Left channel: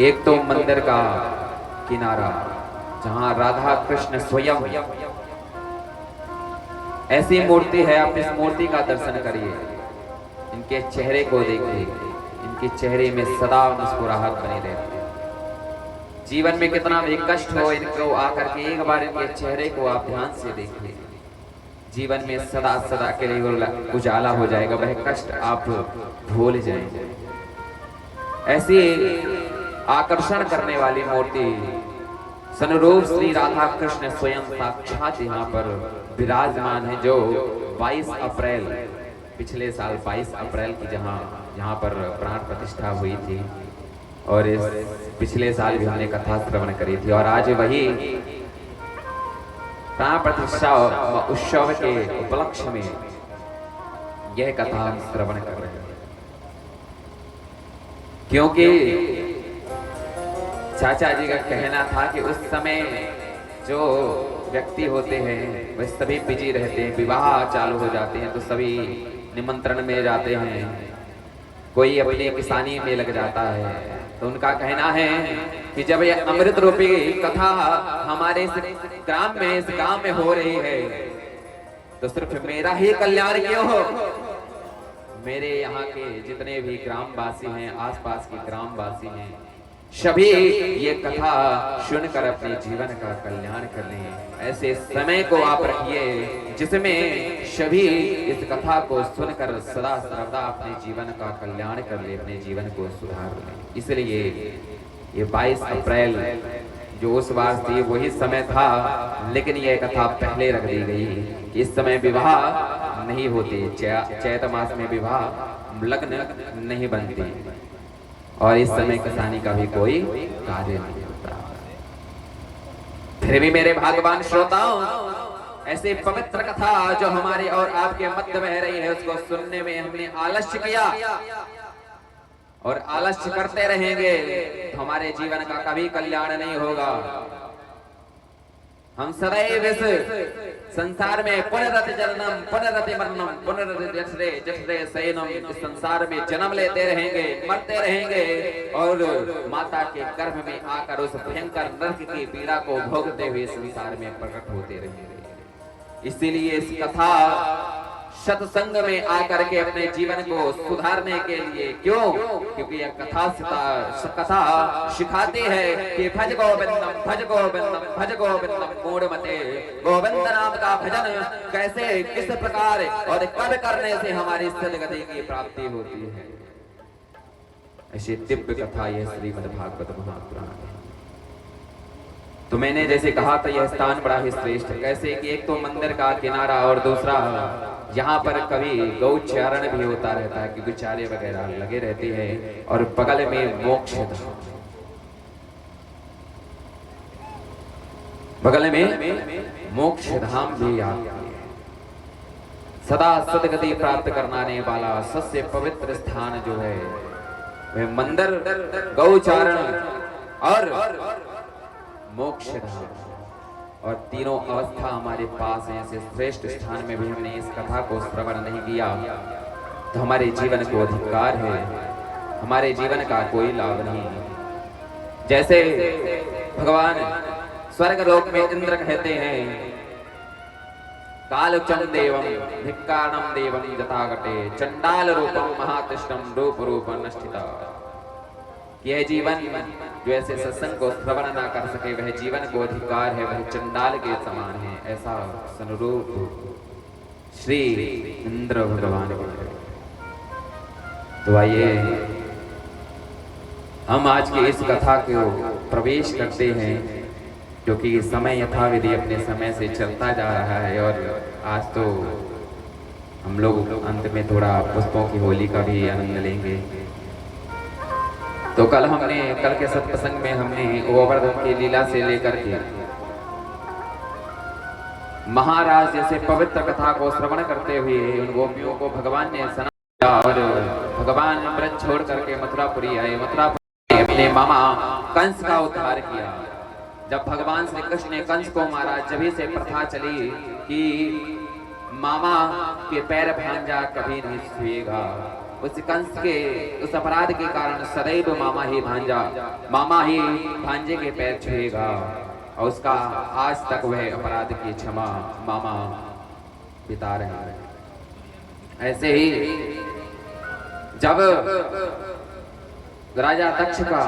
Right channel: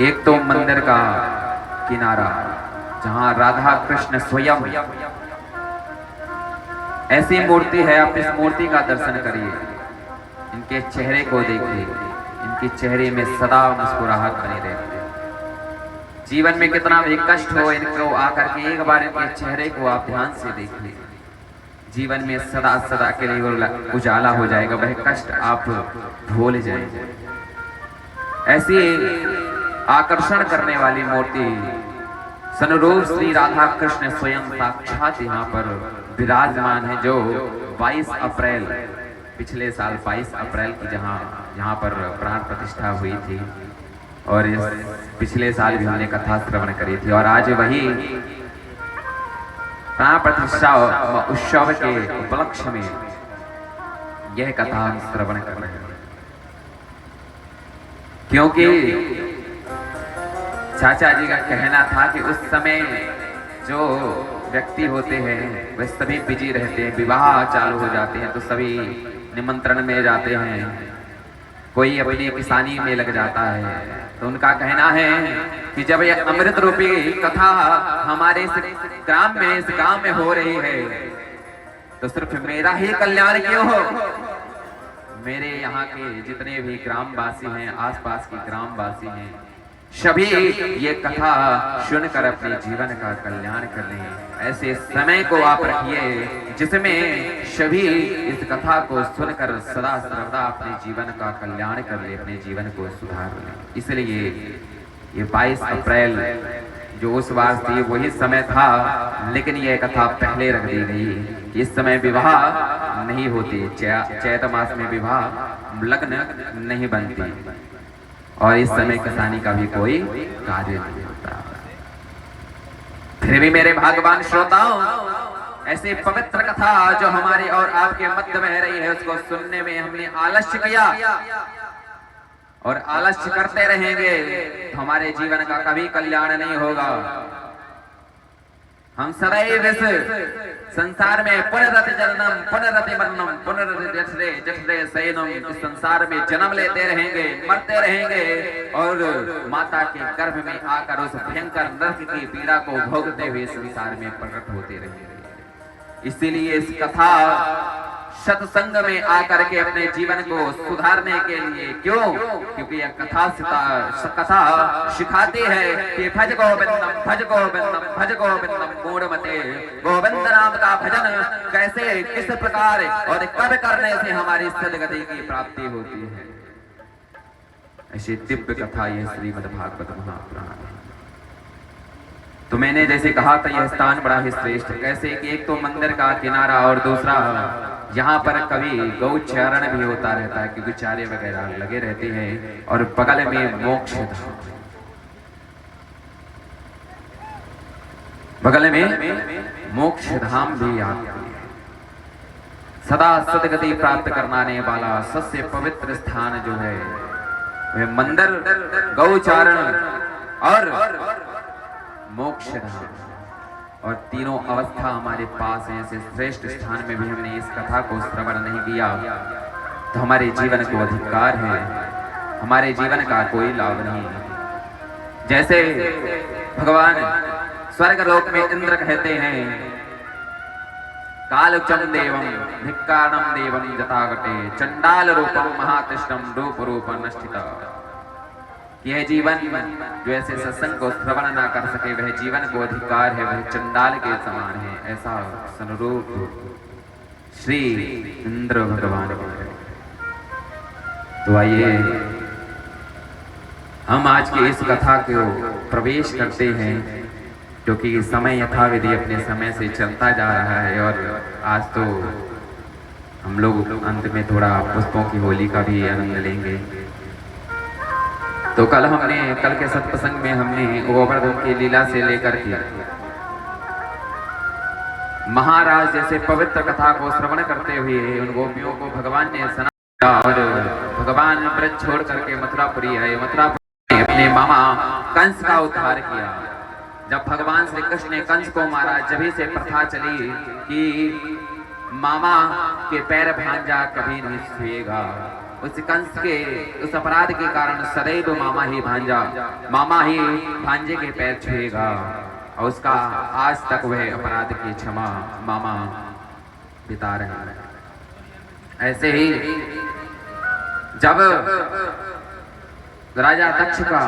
एक तो मंदिर का किनारा जहां राधा कृष्ण स्वयं ऐसी मूर्ति है, आप इस मूर्ति का दर्शन करिए, इनके चेहरे को देखिए, इनके चेहरे में सदा मुस्कुराहट बनी रहती है। जीवन में कितना भी कष्ट हो, इनको आकर के एक बार इनके चेहरे को आप ध्यान से देखिए, जीवन में सदा सदा के लिए उजाला हो जाएगा, वह कष्ट आप भूल जाएंगे। ऐसी आकर्षण करने वाली मूर्ति सनरूप श्री राधा कृष्ण स्वयं साक्षात यहाँ पर विराजमान है, जो 22 अप्रैल पिछले साल 22 अप्रैल की यहाँ पर प्राण प्रतिष्ठा हुई थी, और इस पिछले साल भी हमने कथा श्रवण करी थी, और आज वही प्राण प्रतिष्ठा उत्सव के उपलक्ष्य में यह कथा हम श्रवण कर रहे हैं। क्योंकि चाचा जी का कहना था कि उस समय जो व्यक्ति होते हैं वह सभी बिजी रहते हैं, विवाह चालू हो जाते हैं तो सभी निमंत्रण में जाते हैं, कोई अपनी किसानी में लग जाता है। तो उनका कहना है कि जब यह अमृत रूपी कथा हमारे इस ग्राम में, इस गांव में हो रही है, तो सिर्फ मेरा ही कल्याण क्यों हो, मेरे यहाँ के जितने भी ग्रामवासी हैं, आसपास के ग्रामवासी हैं, सभी ये कथा सुनकर अपने जीवन का कल्याण कर लें। ऐसे समय को आप रखिए जिसमें सभी इस कथा को सुनकर सदा सर्वदा अपने जीवन का कल्याण कर ले, अपने जीवन को सुधार ले। इसलिए ये 22 अप्रैल जो उस बार थी वही समय था, लेकिन यह कथा पहले रख दी गई कि इस समय विवाह नहीं होती, चैत मास में विवाह लग्न नहीं बनती, और इस समय किसानी का भी कोई कार्य नहीं होता। फिर भी मेरे भाग्यवान श्रोताओं, ऐसे पवित्र कथा जो हमारे और आपके मध्य बह रही है, उसको सुनने में हमने आलस्य किया और आलस्य करते रहेंगे तो हमारे जीवन का कभी कल्याण नहीं होगा। हम सदैव इस संसार में पुनरति जननम पुनरति मरणम पुनरति जठरे जठरे शयनम, इस संसार में जन्म लेते रहेंगे, मरते रहेंगे, और माता के गर्भ में आकर उस भयंकर नरक की पीड़ा को भोगते हुए संसार में प्रकट होते रहेंगे। इसीलिए इस कथा सत्संग में आकर के अपने जीवन को सुधारने के लिए, क्यों? क्योंकि यह कथा सिखाती है कि भज गोविंदम भज गोविंदम भज गोविंदम मूढ़मते, गोविंद नाम का भजन कैसे, किस प्रकार और कब करने से हमारी सद्गति की प्राप्ति होती है। ऐसी दिव्य कथा यह श्रीमद्भागवत महापुराण है। तो मैंने जैसे कहा था यह स्थान बड़ा ही श्रेष्ठ, कैसे कि एक तो मंदिर का किनारा और दूसरा यहाँ पर कभी गौचरण भी होता रहता है, क्योंकि चारे वगैरह लगे रहते हैं, और बगल में मोक्ष धाम, बगल में मोक्ष धाम भी आता है। सदा सद्गति प्राप्त करने वाला सबसे पवित्र स्थान जो है वह मंदिर, गौचारण और मोक्ष धाम, और तीनों अवस्था हमारे पास है। ऐसे श्रेष्ठ स्थान में भी हमने इस कथा को श्रवण नहीं किया तो हमारे जीवन को अधिकार है, हमारे जीवन का कोई लाभ नहीं। जैसे भगवान स्वर्ग लोक में इंद्र कहते हैं, कालचम देवम धिक्कारणम देवम जतागटे चंडाल रूपम महातिष्ठम रूप रूपम नष्टिता। यह जीवन जो ऐसे सत्संग को श्रवण ना कर सके, वह जीवन को अधिकार है, वह चंडाल के समान है, ऐसा सनुरूप श्री इंद्र भगवान के। तो आइए हम आज की इस कथा को प्रवेश करते हैं, क्योंकि समय यथाविधि अपने समय से चलता जा रहा है, और आज तो हम लोग अंत में थोड़ा पुष्पों की होली का भी आनंद लेंगे। तो कल के सत्संग में हमने गोवर्धन की लीला से लेकर के महाराज जैसे पवित्र कथा को श्रवण करते हुए उन गोपियों को भगवान ने सुनाया, और भगवान ब्रज छोड़ करके मथुरापुरी आए। मथुरापुरी अपने मामा कंस का उद्धार किया। जब भगवान श्री कृष्ण ने कंस को मारा, जभी से प्रथा चली कि मामा के पैर भांजा कभी नहीं छुएगा, उस कंस के उस अपराध के कारण सदैव मामा ही भांजे के पैर छुएगा और उसका आज तक वह अपराध की क्षमा मामा बिता रहे हैं। ऐसे ही जब राजा दक्ष का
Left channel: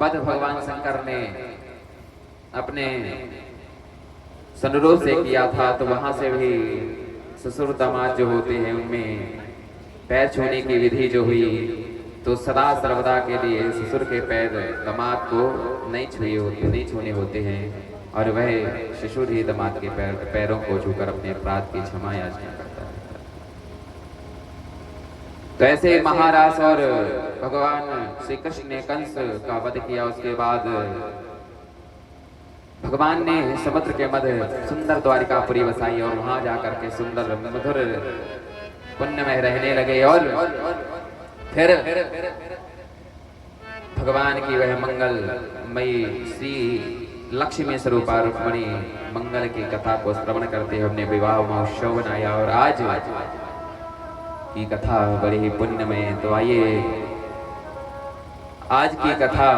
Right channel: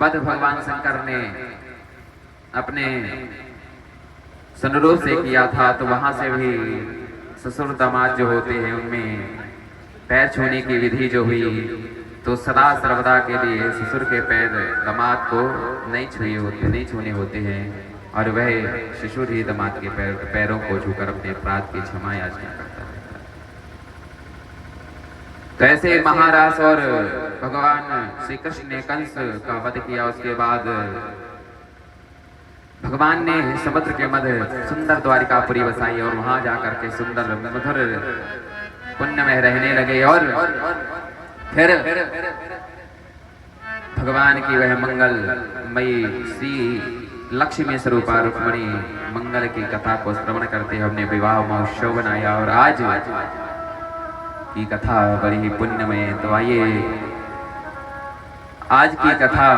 वध भगवान शंकर ने अपने सनुरोध से किया था, तो वहां से भी ससुर दामाद जो होते हैं उनमें पैर छूने की विधि जो हुई, तो सदा सर्वदा के लिए ससुर के पैर दामाद को नहीं छूने होते हैं और वह ससुर ही दामाद के पैरों को छूकर अपने अपराध की क्षमा याचना करता है। तो ऐसे महाराज और भगवान श्री कृष्ण ने कंस का वध किया। उसके बाद भगवान ने समुद्र के मध्य सुंदर द्वारिकापुरी बसाई और वहां जाकर के सुंदर मधुर पुण्य में रहने लगे। और फिर भगवान की वह मंगलमयी श्री लक्ष्मी स्वरूपा रुक्मणी मंगल की कथा को श्रवण करते हमने विवाह महोत्सव बनाया और आज की कथा बड़ी ही पुण्यमय। तो आइए आज की कथा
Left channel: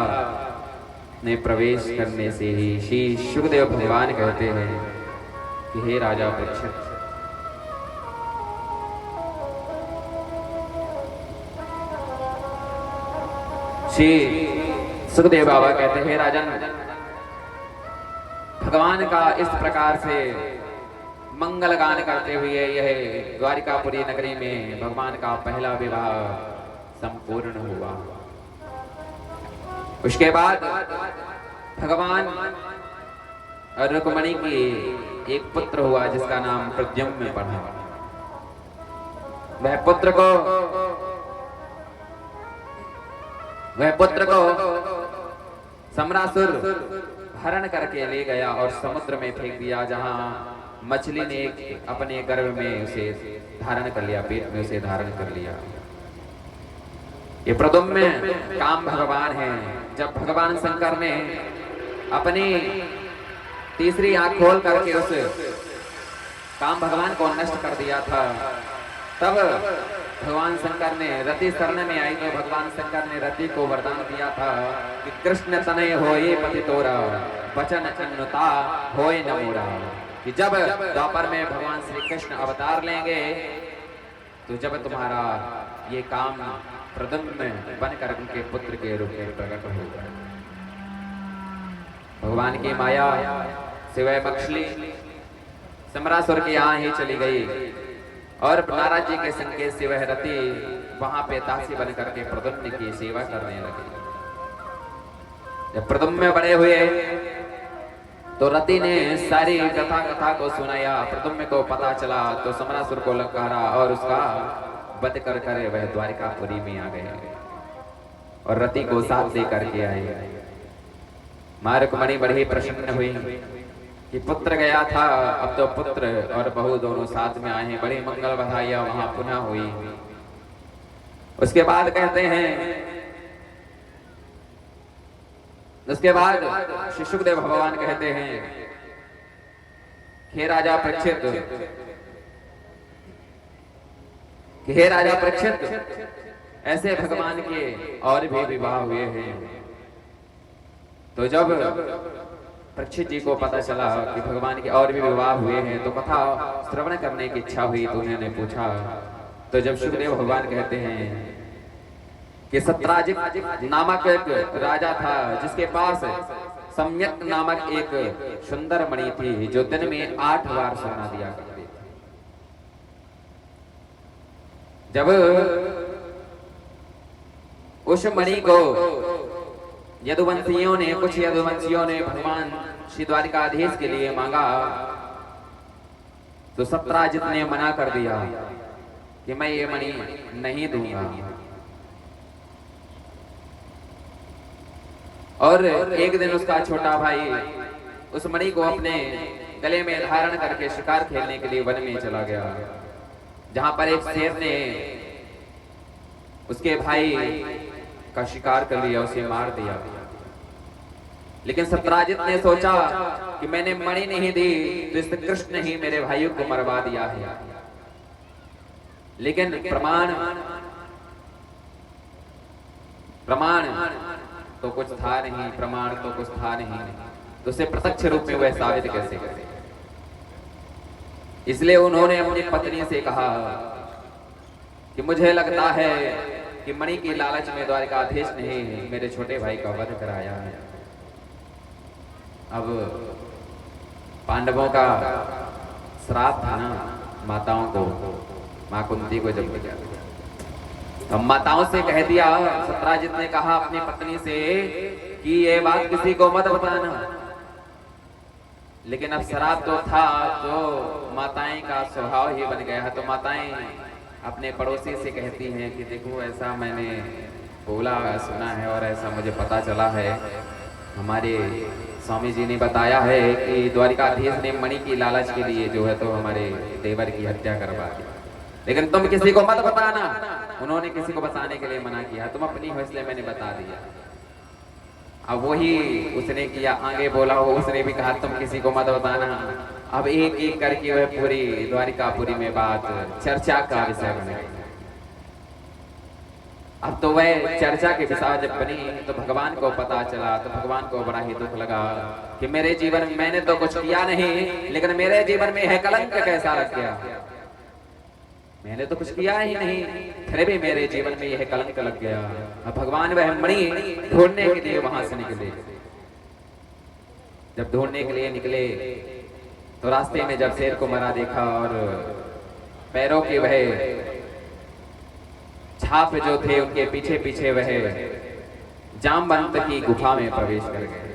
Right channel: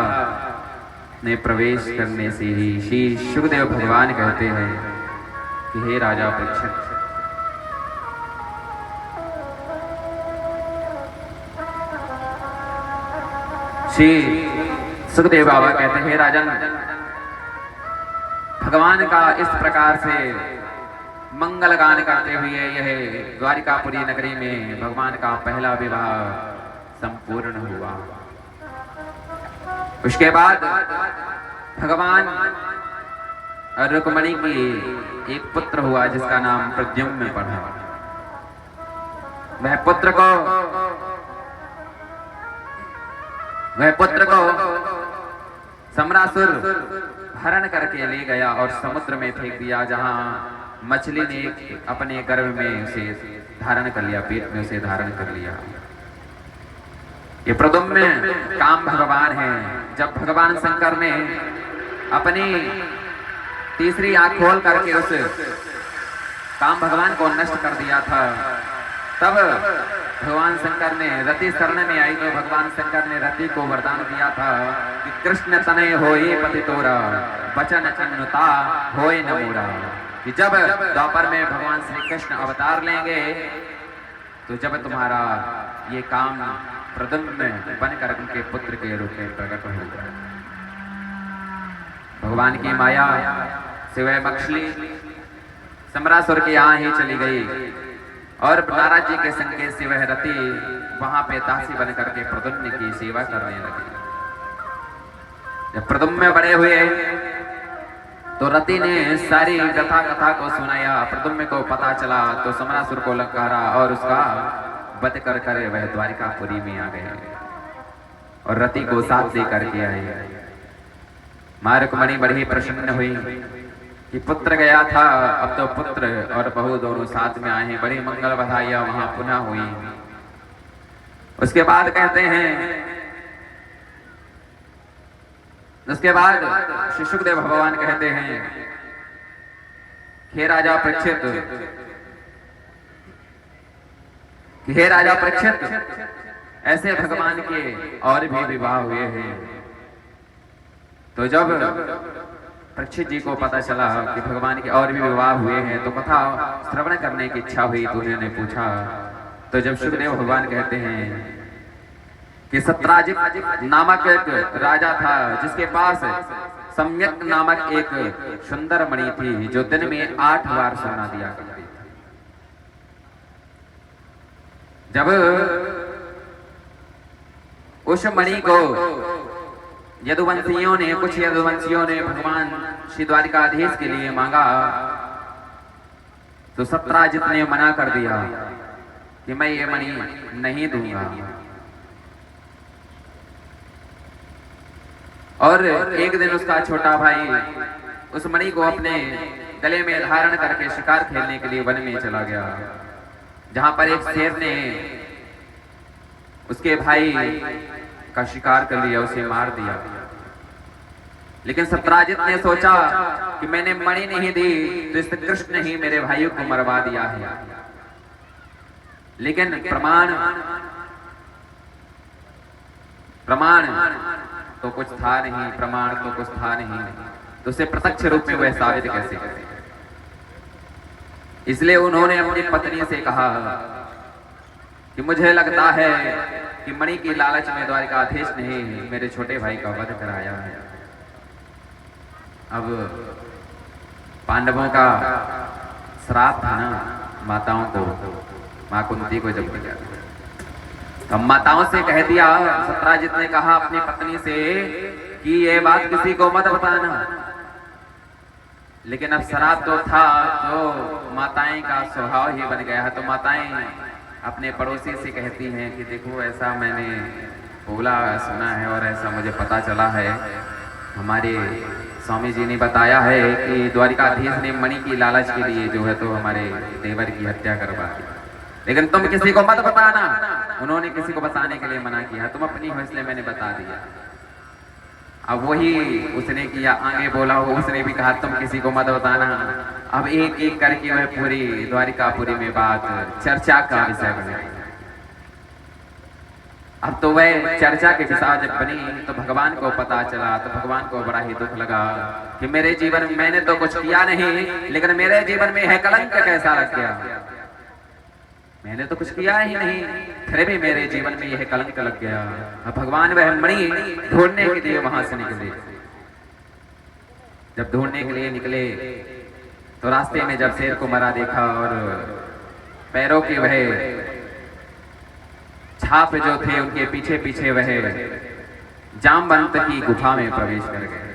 में प्रवेश करने से ही श्री शुकदेव भगवान कहते हैं कि हे राजा परीक्षित, श्री सुखदेव बाबा कहते हैं, राजन, भगवान का इस प्रकार से मंगल गान करते हुए यह द्वारिकापुरी नगरी में भगवान का पहला विवाह संपूर्ण हुआ। उसके बाद भगवान और रुक्मिणी की एक पुत्र हुआ जिसका नाम प्रद्युम्न पड़ा। वह पुत्र को सम्रासुर हरण करके ले गया और समुद्र में फेंक दिया, जहां मछली ने अपने गर्भ में उसे धारण कर लिया, पेट में उसे धारण कर लिया। ये प्रद्युम्न काम भगवान है। जब भगवान शंकर ने अपनी तीसरी आंख खोल करके उस काम भगवान को नष्ट कर दिया था, तब भगवान शंकर ने रति शरण में आई तो भगवान शंकर ने रति को वरदान दिया था कि कृष्ण तनय होए पति तोरा वचन अनुता होए न मोरा, कि जब द्वापर में भगवान श्री कृष्ण अवतार लेंगे तो जब तुम्हारा ये काम प्रद्युम्न बनकर उनके पुत्र के रूप में प्रकट होगा। भगवान की माया सिवाय मछली सम्रासुर की यहाँ ही चली गई और नारद जी के संकेत से वह रति वहां पे दासी बन करके प्रद्युम्न की सेवा करने लगे। जब प्रद्युम्न बड़े हुए तो रति ने सारी कथा को सुनाया। प्रद्युम्न को पता चला तो सम्रासुर को ललकारा और उसका वध कर वह द्वारिकापुरी में आ गए और रति को साथ दे करके आए। मां रुक्मिणी बड़ी प्रसन्न हुई कि पुत्र गया था, अब तो पुत्र और बहू दोनों साथ में आए हैं। बड़ी मंगल बधाइयां वहां पुनः हुई। उसके बाद कहते हैं, उसके बाद श्री शुकदेव भगवान कहते हैं, हे राजा परीक्षित, ऐसे भगवान के और भी विवाह हुए हैं। तो जब परीक्षित जी को पता चला कि भगवान के और भी विवाह हुए हैं तो कथा श्रवण करने की इच्छा हुई, तो उन्होंने पूछा। तो जब शुकदेव भगवान कहते हैं कि सत्राजित नामक एक राजा था जिसके पास सम्यक नामक एक सुंदर मणि थी जो दिन में 8 बार सोना दिया करती थी। जब उस मणि को कुछ यदुवंशियों ने भगवान श्री द्वारिकाधीश के लिए मांगा तो सत्राजित ने मना कर दिया कि मैं ये मणि नहीं दूंगा। और एक दिन उसका छोटा भाई उस मणि को अपने गले में धारण करके शिकार खेलने के लिए वन में चला गया, जहां पर एक शेर ने उसके भाई का शिकार कर लिया, उसे मार दिया। लेकिन सत्राजित ने सोचा कि मैंने मणि नहीं दी तो इस कृष्ण ही मेरे भाइयों को मरवा दिया है। लेकिन प्रमाण प्रमाण तो कुछ था नहीं, प्रमाण तो कुछ था नहीं, तो उसे प्रत्यक्ष रूप में वह साबित कैसे करे। इसलिए उन्होंने अपनी पत्नी से कहा कि मुझे लगता है कि मणि की लालच में द्वारिकाधीश ने मेरे छोटे भाई का वध कराया है। अब पांडवों का श्राप था ना माताओं को, मां कुंती को जब दिया, अब माताओं से कह दिया, सत्यजित ने कहा अपनी पत्नी से कि ये बात किसी को मत बताना। लेकिन अब श्राप तो था, तो माताएं का स्वभाव ही बन गया है। तो माताएं अपने पड़ोसी से कहती हैं कि देखो ऐसा मैंने बोला सुना है और ऐसा मुझे पता चला है, हमारे स्वामी जी ने बताया है कि द्वारिकाधीश ने मणि की लालच के लिए जो है तो हमारे देवर की हत्या करवा दी, लेकिन तुम किसी को मत बताना। उन्होंने किसी को बताने के लिए मना किया, तुम अपनी हो इसलिए मैंने बता दिया। अब वही उसने किया, आगे बोला हो, उसने भी कहा तुम किसी को मत बताना। अब एक एक करके वह पूरी द्वारिकापुरी में बात चर्चा का विषय बने। अब तो वह चर्चा के विषय जब बनी तो भगवान को पता चला, तो भगवान को बड़ा ही दुख लगा कि मेरे जीवन में मैंने तो कुछ किया नहीं, लेकिन मेरे जीवन में यह कलंक कैसा लग गया। मैंने तो कुछ किया ही नहीं, फिर भी मेरे जीवन में यह कलंक लग गया। अब भगवान वह मणि ढूंढने के लिए वहां से निकले। जब ढूंढने के लिए निकले तो रास्ते में जब शेर को मरा देखा और पैरों के वह छाप जो थे उनके पीछे पीछे वह जामवंत की गुफा में प्रवेश कर गए।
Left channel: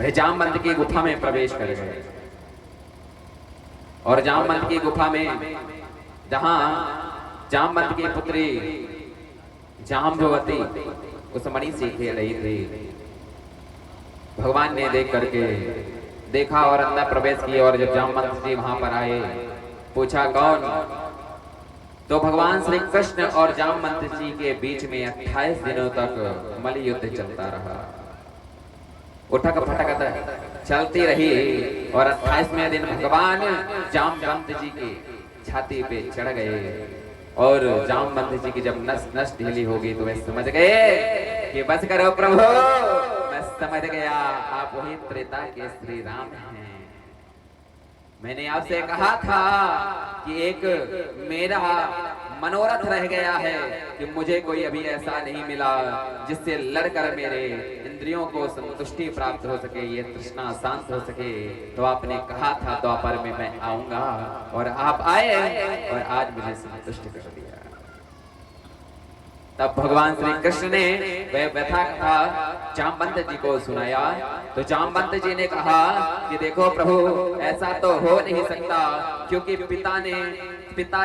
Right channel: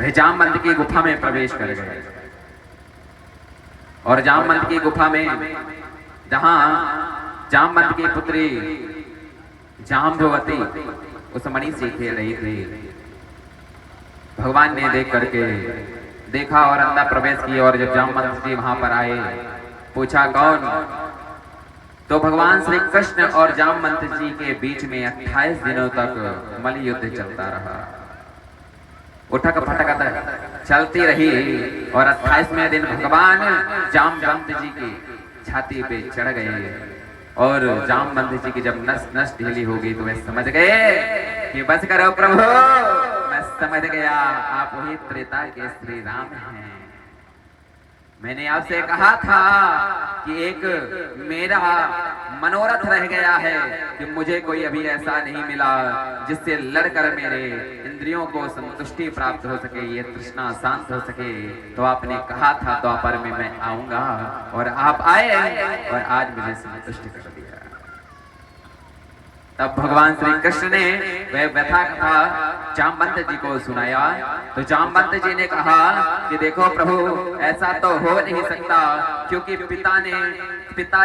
वह जामवंत की गुफा में प्रवेश कर गए और जामवंत की गुफा में जहां जामवंत की पुत्री जाम्बवती उस मणि से खेल रही थी, भगवान ने देख करके देखा और अंदर प्रवेश किया। और जब जामवंत जी वहां पर आए, पूछा कौन, तो भगवान श्री कृष्ण और जामवंत जी के बीच में 28 दिनों तक मल्ल युद्ध चलता रहा। उठक पटक चलती रही और 28वें दिन भगवान जामवंत जी की छाती पे चढ़ गए और जामवंत जी की जब नस नस ढीली हो गई तो वे समझ गए कि बस करो प्रभु, मैं समझ गया आप वही त्रेता के श्री राम हैं। मैंने आपसे कहा था कि एक मेरा मनोरथ रह गया है कि मुझे कोई अभी ऐसा नहीं मिला जिससे लड़कर मेरे इंद्रियों को संतुष्टि प्राप्त हो सके, ये तृष्णा शांत हो सके। तो आपने कहा था द्वापर में मैं आऊंगा और आप आए और आज मुझे संतुष्ट कर दिया। तब भगवान श्री कृष्ण ने वह व्यथा कथा जामवंत जी को सुनाया। तो जामवंत जी ने कहा कि देखो प्रभु, ऐसा तो हो नहीं सकता, क्योंकि पिता